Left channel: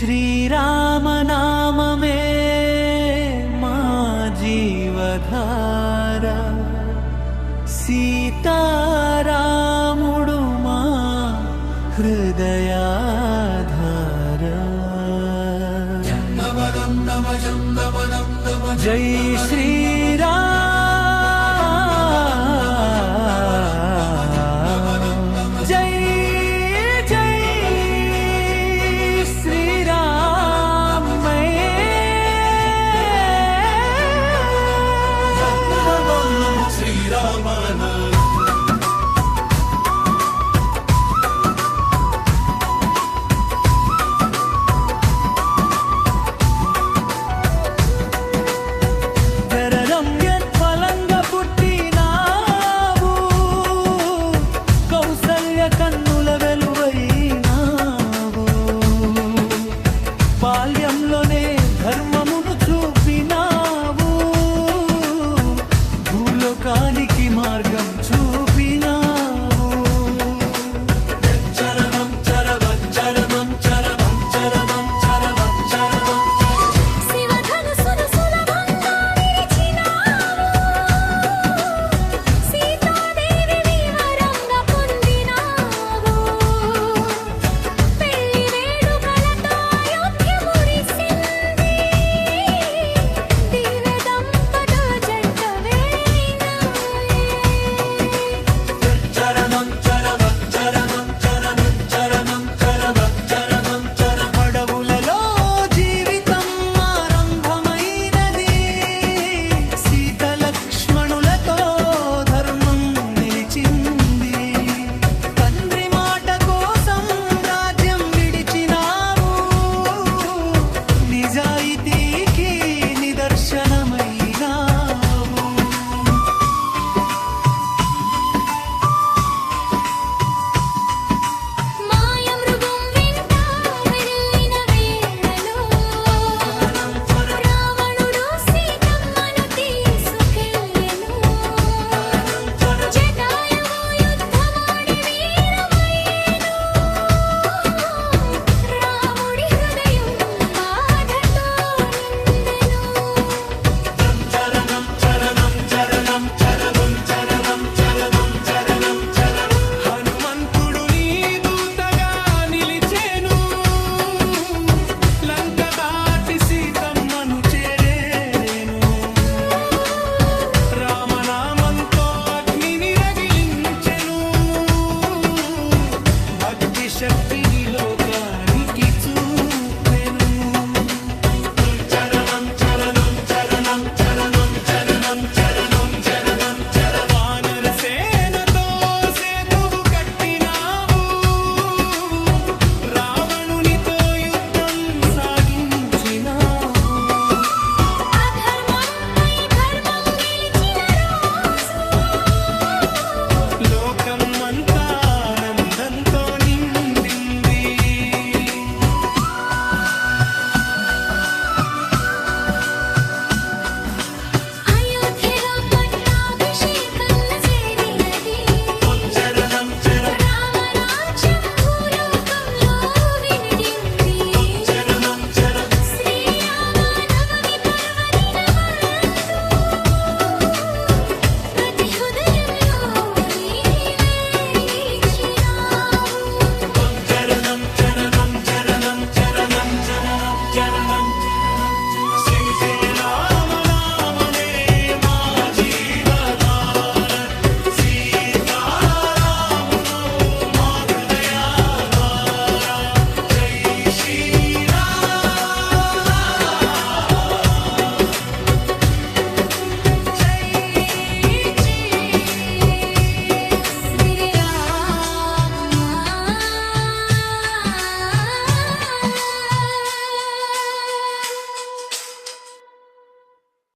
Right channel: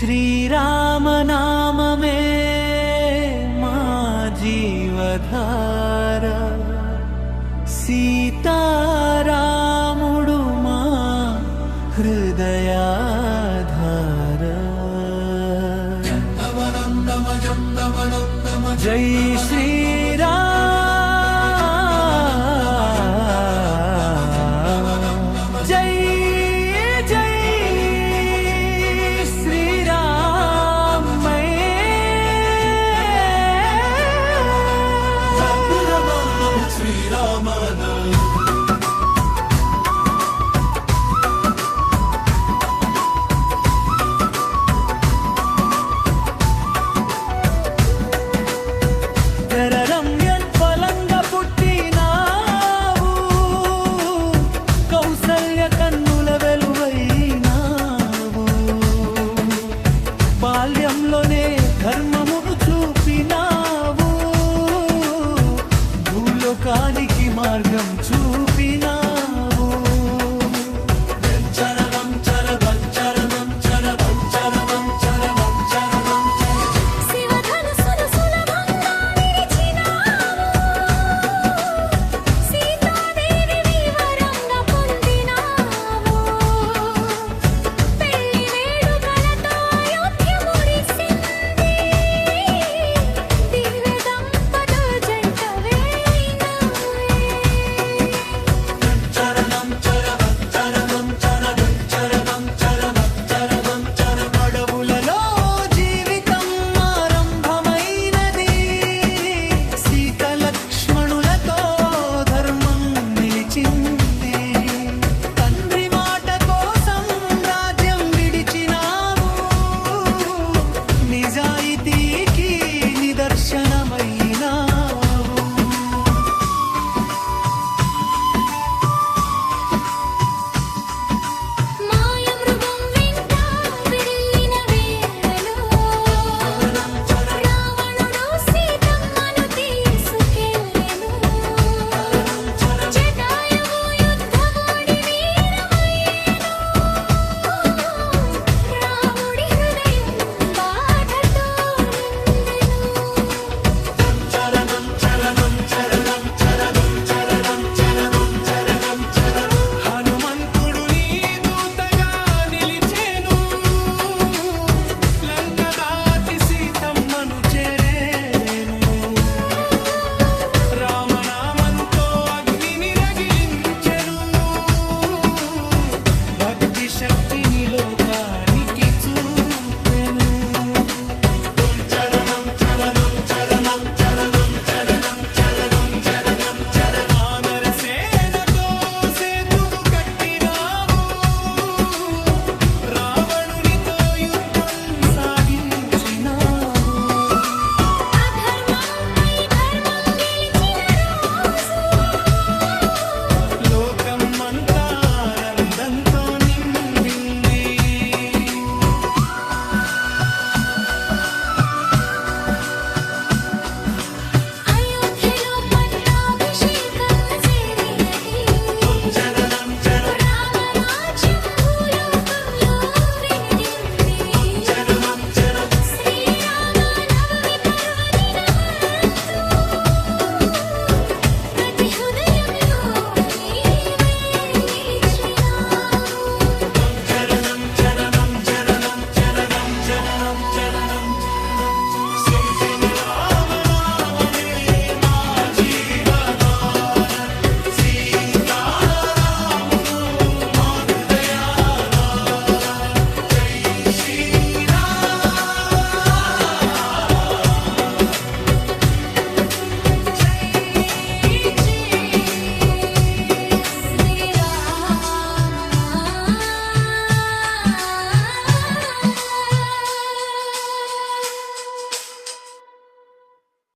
శ్రీరామనామమే మా జీవధార, సీతారాముడు మా హృదయాధార. జై శ్రీరామ్, జై జై శ్రీరామ్. శ్రీరామన కన్నుల వెలువైనావు, బాల్యంలోనే ధర్మమును చూపినావు, భూలోకానికి మార్గం చూపినావు. చరణం చరణం చరణం చరణం చరణం చరణం చరణం శివధనుసును సులభంగా విరిచినావు, సీతాదేవి వివరంగా పొందినావు, పెళ్లి వేడుకలతో అయోధ్య మురిసింది, దివ్య దంపతుల జంట వేయినావే. చరణం చరణం చరణం చరణం చరణం చరణం చరణం చరణం. అడవులలో జీవితం ఆరంభమైనది, సీత లక్ష్మణులతో ధర్మం నిలిచింది, తండ్రి మాట కోసం రాజ్యం విడిచినావు, నిజాయితీకి నిదర్శనమైనావు. మాయమృగం వెంట వెళ్ళిన వేళలో రావణుడు సీతమ్మను తీసుకెళ్ళెను, జటాయువు యుద్ధమాడి వీరమయ్యెను, రాముడి హృదయం బాధతో నిండెను. చరణం చరణం చరణం చరణం చరణం చరణం చరణం చరణం. హనుమంతుడు నీ దూతగా నిలిచేను, లంక దాటి సీతమ్మను చేరేను, రామనామంతో అగ్నిని రగిలించెను, భక్తి శక్తిని లోకానికి చూపెను. చరణం చరణం చరణం చరణం చరణం చరణం చరణం చరణం. వానర సేనతో సేతువు కట్టినావు, రావణునితో యుద్ధం సాగించినావు, అధర్మంపై ధర్మం గెలిచిన రోజు లోకం అంతా